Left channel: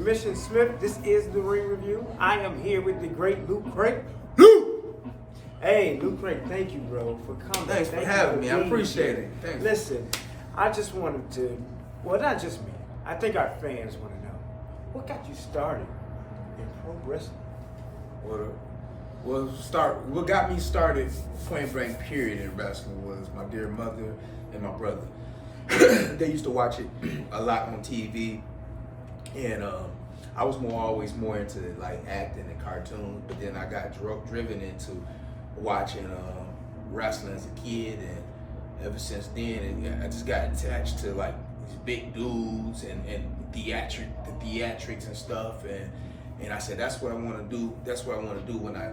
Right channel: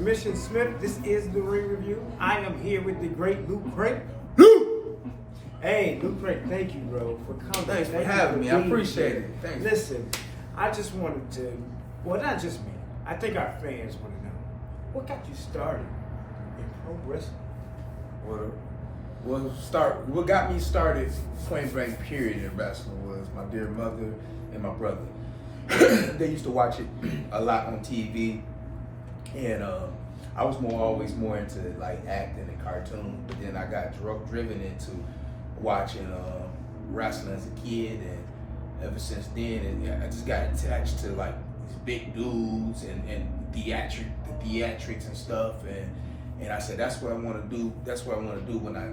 Mission Smith. This is the Ring Review. I am here with the great Luke Craig. Hey, Luke Craig, thank you, bro, for coming. Thanks for having me. I appreciate it. Thanks. Listen, I just wanted to, well, not just me. I think our fans want to know, what got you started in pro wrestling? What got me started, point blank period, in wrestling was my dear mother and my brother. They used to watch it a lot on TV, and I was always more into like acting and cartoons. But then I got driven into watching wrestling as a kid, and ever since then, I just got attached to like these big dudes and the theatrics and stuff, and I said that's what I want to do. That's what I want to do when I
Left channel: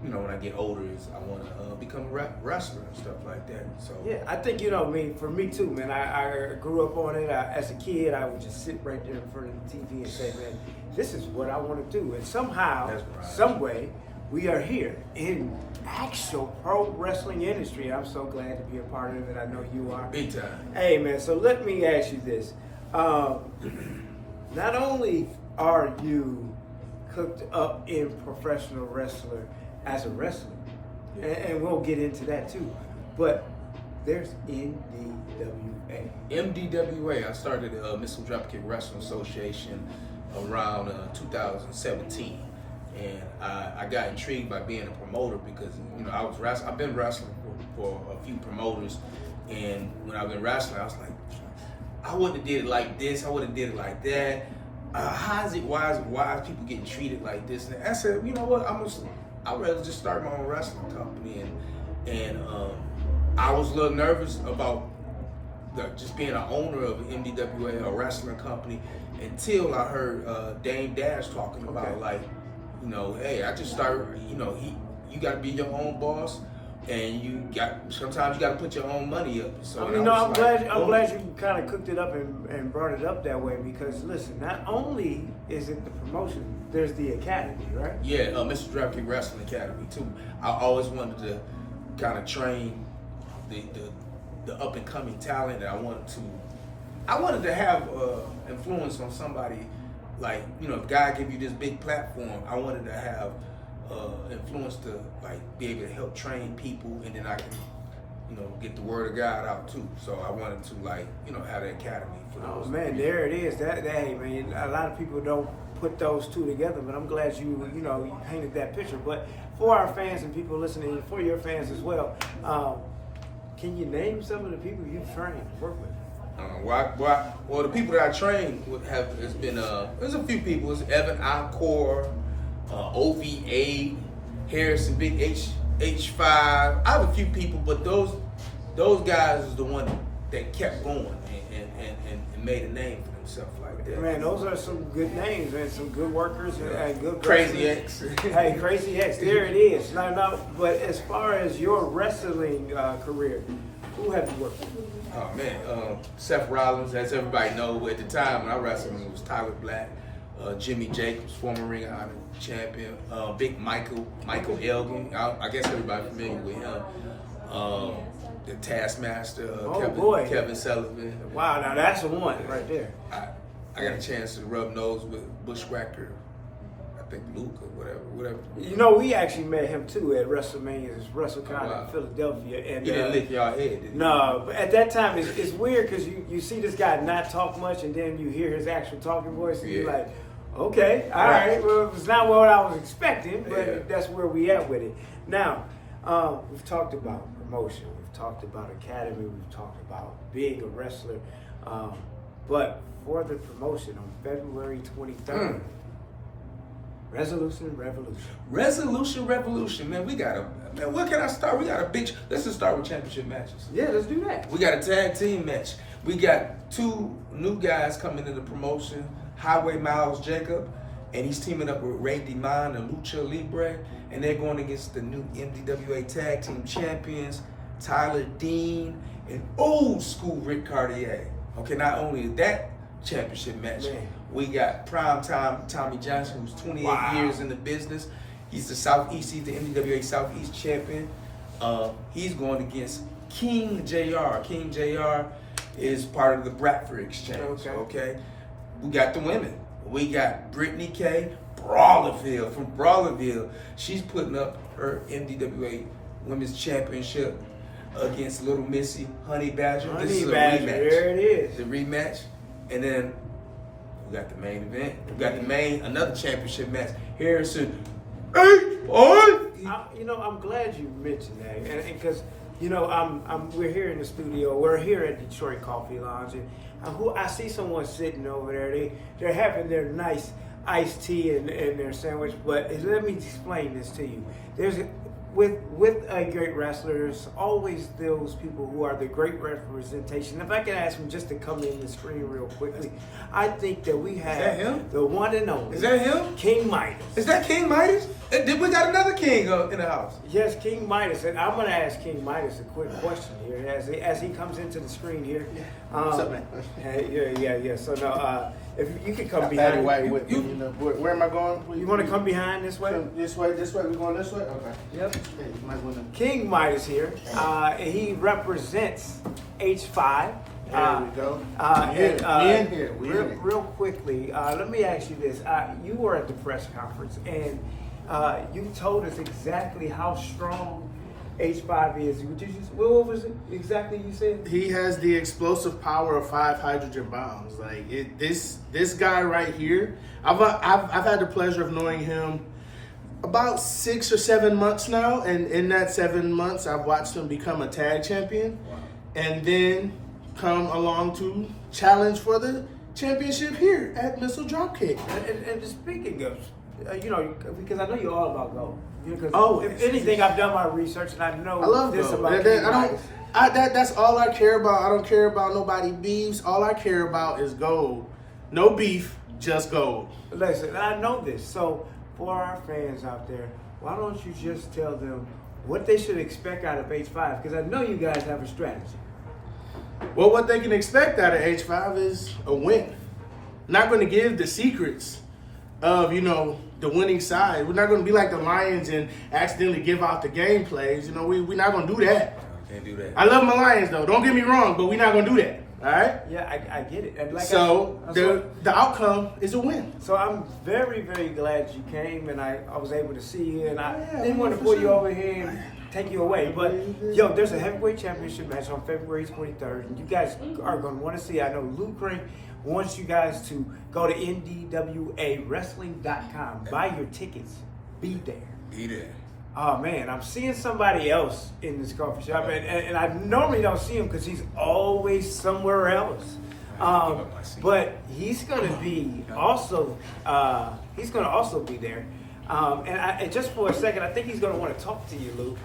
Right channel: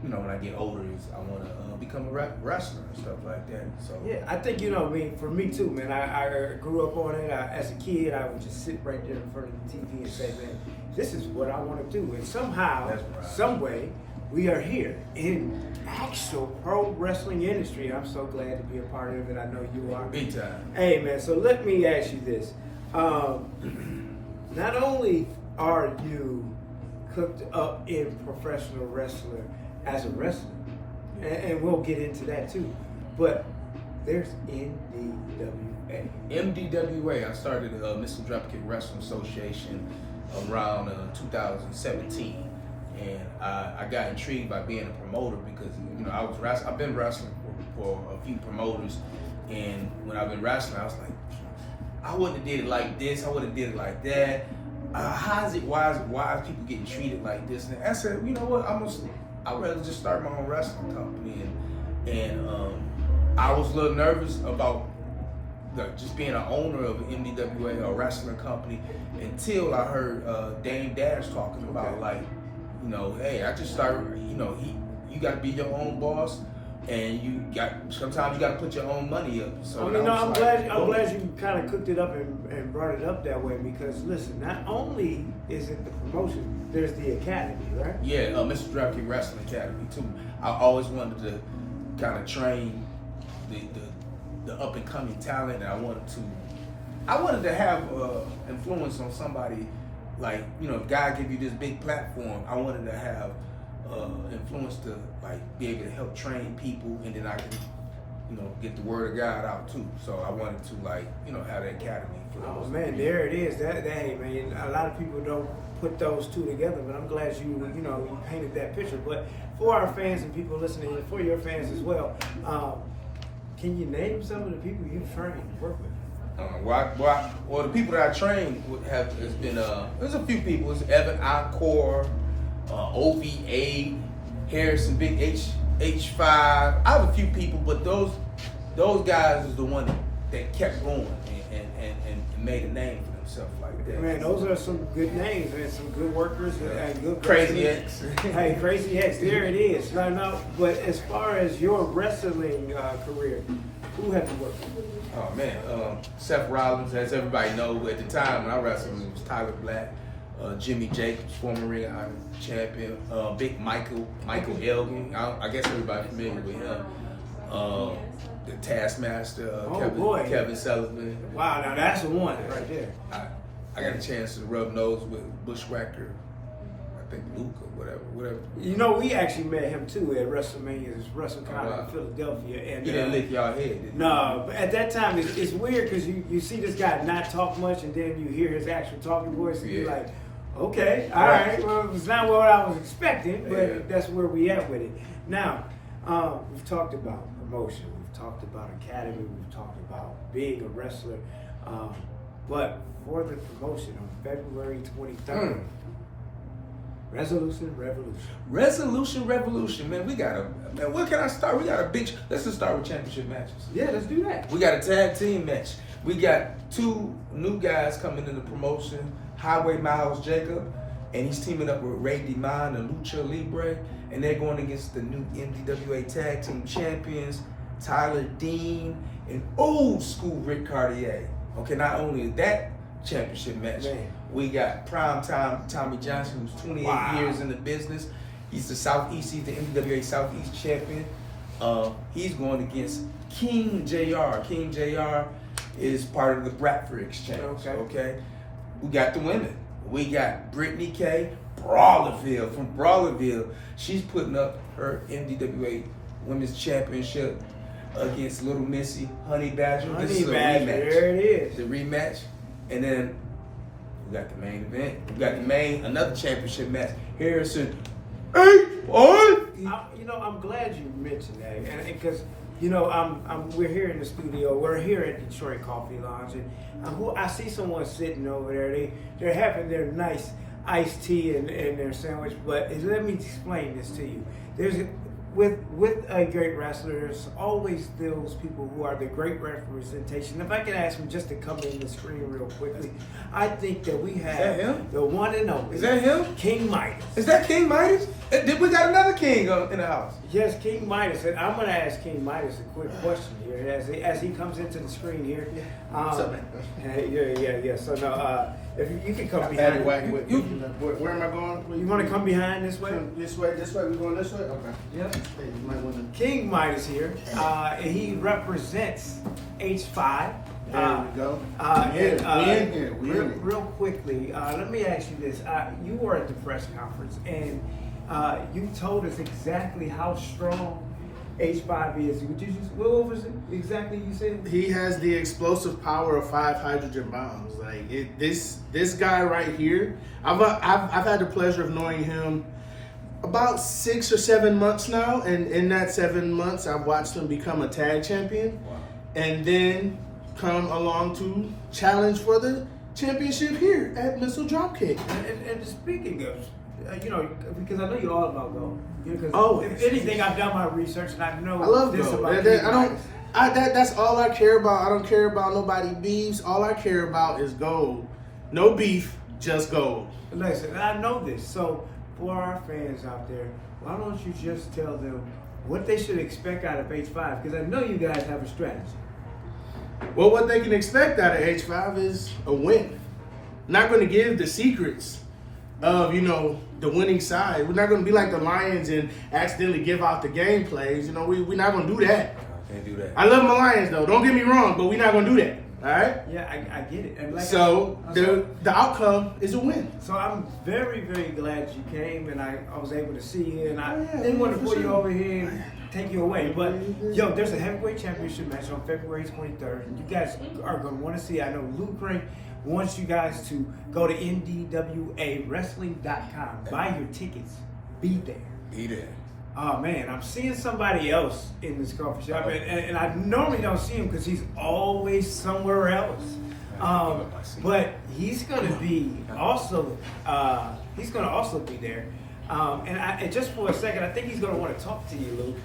when I get older. Is I want to become a wrestler and stuff like that. So yeah, I think for me too, man. I grew up on it. As a kid, I would just sit right there in front of the TV and say, man, this is what I want to do. And somehow, some way, we are here in actual pro wrestling industry. I'm so glad to be a part of it. I know you are. Big time. Hey, man. So let me ask you this: not only are you cooked up in professional wrestler as a wrestler, and we'll get into that too, but there's MDWA. MDWA, I started the Missile Dropkick Wrestling Association around 2017, and I got intrigued by being a promoter because I've been wrestling for a few promoters, and when I've been wrestling, I was like, I wouldn't have did it like this, I would have did it like that. Why is people getting treated like this? And I said, you know what, I'd rather just start my own wrestling company, and I was a little nervous about just being an owner of an MDWA, a wrestling company, until I heard Dame Dash talking about hey, I just started, you got to be your own boss, and sometimes you got to put your own money up. So I'm glad you kind of cooked it up and brought it up that way, because listen, not only is it the promotion, there's the academy, right? Yeah, Mr. Dropkick Wrestling Academy too. I always wanted to kind of train the up and coming talent, and I wanted to have influence on somebody. Like, if God gave you this big platform, I wanted to have influence to be able to help train people, and then I can get the word of God out too. So I wanted to have the academy for those. Oh man, there it is. That man, a lot of people don't put those two together, but I'm glad you painted that picture. But for our fans and people listening, and for your fans as well, can you name some of the people you've trained and worked with? Well, the people that I trained has been there's a few people. It's Evan Encore, OVA, Harrison, Big H5. I have a few people, but those guys is the one that kept going and made a name for themselves like that. Man, those are some good names, man. Some good workers and good Crazy X. Hey, Crazy X, there it is. No, but as far as your wrestling career, who have you worked with? Oh man, Seth Rollins, as everybody knows, at the time when I wrestled, it was Tyler Black, Jimmy Jacobs, former Ring of Honor champion, Big Michael Elgin. I guess everybody familiar with him. The Taskmaster, Kevin Sullivan. Wow, now that's the one right there. I got a chance to rub nose with Bushwhacker, I think Luke or whatever. We actually met him too at WrestleMania's WrestleCon in Philadelphia. And he didn't lick y'all head, did he? No, but at that time it's weird because you see this guy not talk much, and then you hear his actual talking voice, and you're like, okay, all right. Well, it's not what I was expecting, but that's where we at with it. Now, we've talked about promotion, we've talked about academy, we've talked about being a wrestler, but for the promotion on February 23rd, Resolution Revolution, man. Where can I start? We got let's just start with championship matches. Yeah, let's do that. We got a tag team match. We got two new guys coming into the promotion. Highway Miles Jacob, and he's teaming up with Ray DeMond and Lucha Libre, and they're going against the new MDWA tag team champions, Tyler Dean and old school Rick Cartier. Okay, not only that championship match, we got primetime Tommy Johnson, who's 28 years in the business. He's the MDWA Southeast champion. He's going against King JR. King JR is part of the Bradford Exchange. Okay. We got the women. We got Brittany K. Brawlerville from Brawlerville. She's putting up her MDWA Women's Championship against Little Missy Honey Badger. This is a rematch. There it is. The rematch. And then we got the main event. We got another championship match. Harrison I'm glad you mentioned that, and because we're here in the studio. We're here at Detroit Coffee Lounge, and I see someone sitting over there. They're having their nice iced tea and their sandwich. But let me explain this to you. With a great wrestler, there's always those people who are the great representation. If I could ask him just to come in the screen real quickly, I think that we have the one and only. Is that him? King Midas. Is that King Midas? We got another king in the house. Yes, King Midas. And I'm going to ask King Midas a quick question here as he comes into the screen here. Yeah. So now, if you can come behind. Where am I going? You want to come behind this way? This way. We're going this way. Okay. Yep. Hey, you might want to. King Midas here. And he represents H5. There we go. We in here. Real quickly, let me ask you this. You were at the press conference, and you told us exactly how strong H5 is. What was it exactly you said? He has the explosive power of 5 hydrogen bombs. Like this guy right here. I've had the pleasure of knowing him about 6 or 7 months now, and in that 7 months, I've watched him become a tag champion, and then come along to challenge for the championship here at Missile Dropkick. And speaking of, because I know you're all about gold. Always. If anything, I've done my research and I know I love this gold. about That's all I care about. I don't care about nobody beefs. All I care about is gold. No beef, just gold. Listen, I know this. So for our fans out there, why don't you just tell them what they should expect out of H5? Because I know you guys have a strategy. Well, what they can expect out of H5 is a win. Not going to give the secrets of, the winning side. We're not going to be like the Lions and accidentally give out the game plays. We're not going to do that. Can't do that. I love my Lions, though. Don't get me wrong, but we're not going to do that. All right? Yeah, I get it. And the outcome is a win. So I'm very, very glad you came, and I was able to see you, and I didn't want to pull you over here and take you away. But, there's a heavyweight championship match on February 23rd, and you guys are going to want to see. I know Luke Crane wants you guys to go to MDWAWrestling.com. Buy your tickets. Be there. Be there. Oh, man, I'm seeing somebody else in this coffee shop, and I normally don't see him because he's always somewhere else. But he's going to be also, be there. And just for a second, I think he's going to want to talk to you, Luke.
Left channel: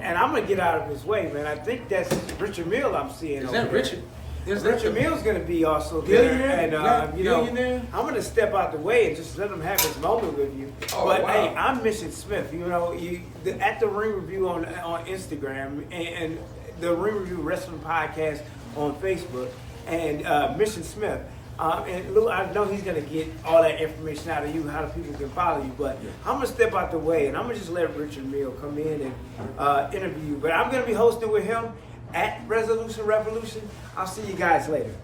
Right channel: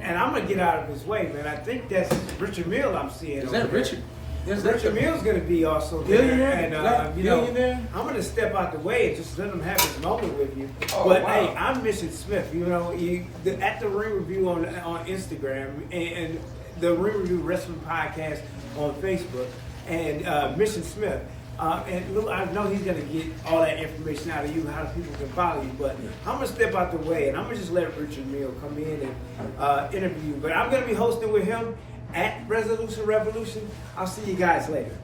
And I'm going to get out of his way, man. I think that's Richard Mill I'm seeing. Is that Richard? Yes, Richard Mill's going to be also there. Billionaire? I'm going to step out the way and just let him have his moment with you. Hey, I'm Mission Smith. At the Ring Review on Instagram and the Ring Review Wrestling Podcast on Facebook, and Mission Smith. And Lou, I know he's going to get all that information out of you, how people can follow you, but I'm going to step out the way, and I'm going to just let Richard Mill come in and interview you. But I'm going to be hosting with him at Resolution Revolution. I'll see you guys later.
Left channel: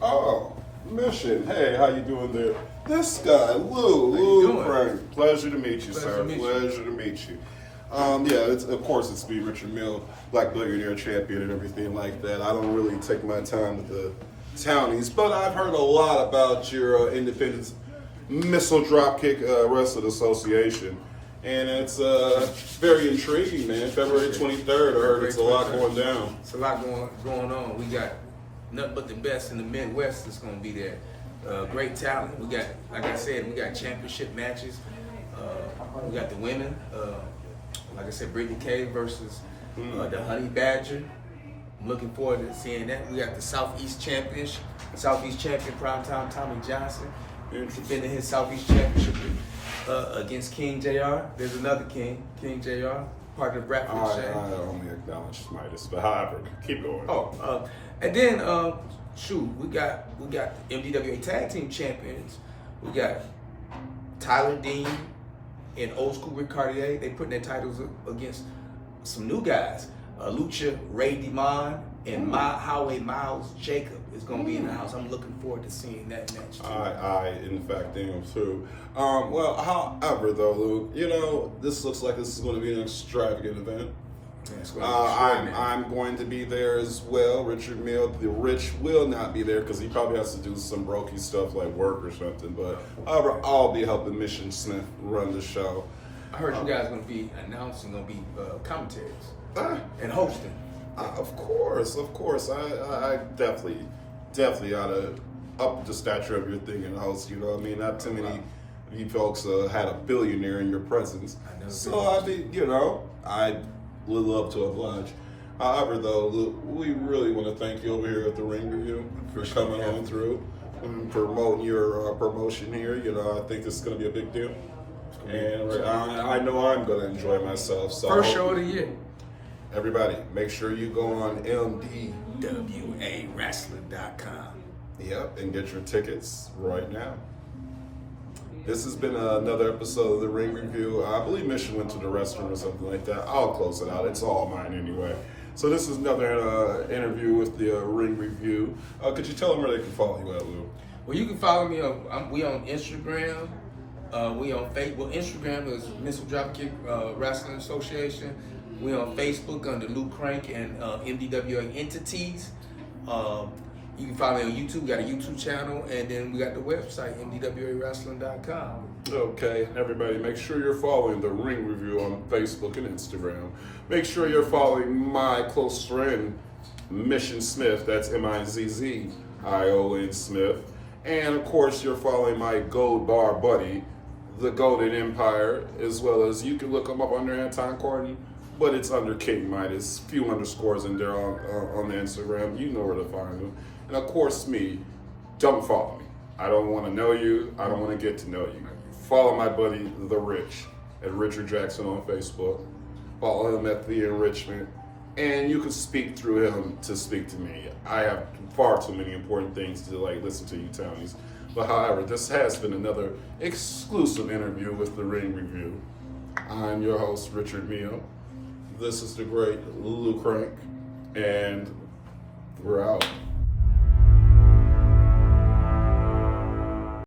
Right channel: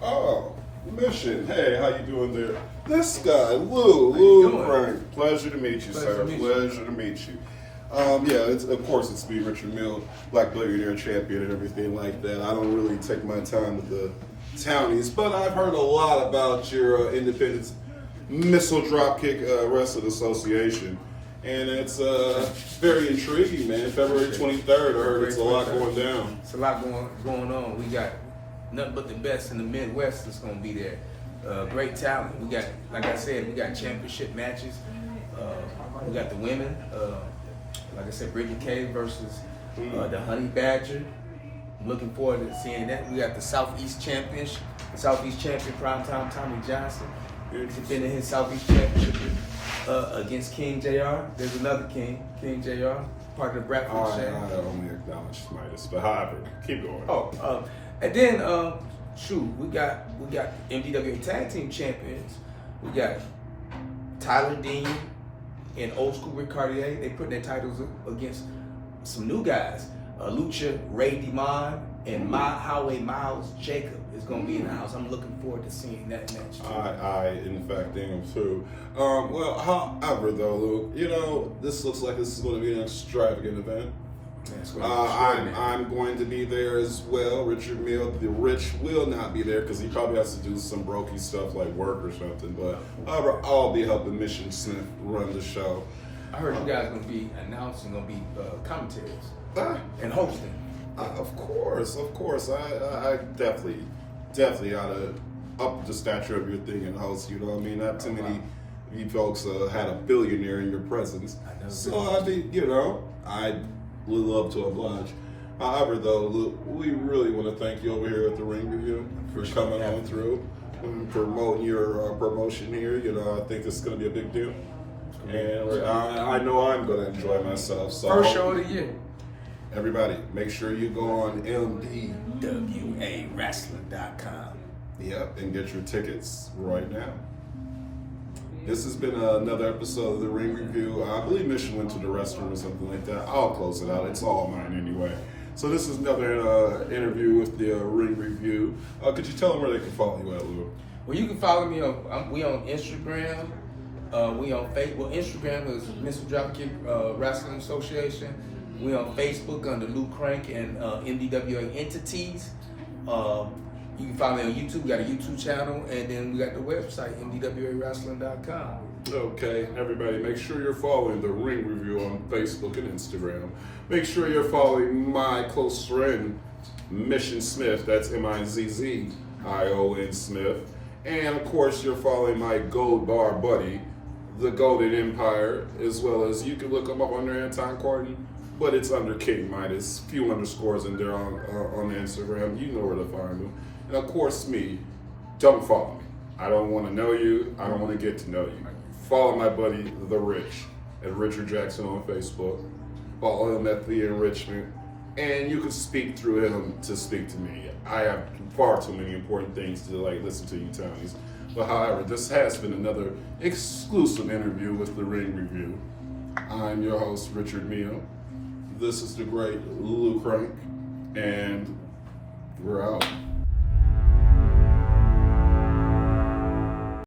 Oh, Mission. Hey, how you doing there? This guy, Lou Frank. Pleasure to meet you, sir. Pleasure to meet you. It's me, Richard Mill, Black Billionaire Champion and everything like that. I don't really take my time with the townies, but I've heard a lot about your Independence Missile Dropkick Wrestling Association. And it's very intriguing, man. February 23rd, I heard it's a lot going down. It's a lot going on. We got nothing but the best in the Midwest that's going to be there. Great talent. We got, like I said, we got championship matches. We got the women. Like I said, Brittany K versus the Honey Badger. I'm looking forward to seeing that. We got the Southeast champion Primetime Tommy Johnson defending his Southeast Championship against King JR. There's another King JR, part of the Bradford Shane. I only acknowledge Midas, but however, keep going. And then we got MDWA Tag Team Champions. We got Tyler Dean and Old School Rick Cartier. They putting their titles up against some new guys. Lucha Ray Demond And Highway Miles Jacob is going to be in the house. I'm looking forward to seeing that match too. I in fact am too. Well, however though, Luke, you know, this looks like this is going to be an extravagant event. I'm going to be there as well. Richard Mill, the Rich, will not be there because he probably has to do some brokey stuff like work or something. But however, I'll be helping Mission Smith run the show. I heard you guys going to be announcing, going to be commentaries and hosting. Of course. I definitely ought to up the stature of your thing in the house. You know what I mean? Not too many you folks had a billionaire in your presence. So I mean, you know, I would love to oblige. However, though, look, we really want to thank you over here at the Ring Review for coming on through and promoting your promotion here. You know, I think this is going to be a big deal. And I know I'm going to enjoy myself. So first show of the year. Everybody, make sure you go on MDWAWrestling.com. Yep, and get your tickets right now. This has been another episode of the Ring Review. I believe Mission went to the restroom or something like that. I'll close it out. It's all mine anyway. So this is another interview with the Ring Review. Could you tell them where they can follow you at, Lou? Well, you can follow me on. We on Instagram. We on Facebook. Instagram is Missile Dropkick Wrestling Association. We on Facebook under Luke Crank and MDWA Entities. You can follow me on YouTube. We got a YouTube channel, and then we got the website, MDWAWrestling.com. Okay, everybody, make sure you're following the Ring Review on Facebook and Instagram. Make sure you're following my close friend, Mission Smith. That's MIZZION Smith. And of course, you're following my Gold Bar buddy, the Golden Empire, as well as you can look him up under Anton Corden, but it's under King Midas. Few underscores in there on the Instagram. You know where to find them. And of course, me. Don't follow me. I don't want to know you. I don't want to get to know you. Follow my buddy, The Rich, at Richard Jackson on Facebook. Follow him at The Enrichment. And you can speak through him to speak to me. I have far too many important things to listen to you tell me. But however, this has been another exclusive interview with the Ring Review. I'm your host, Richard Mio. This is the great Lulu Crank, and we're out.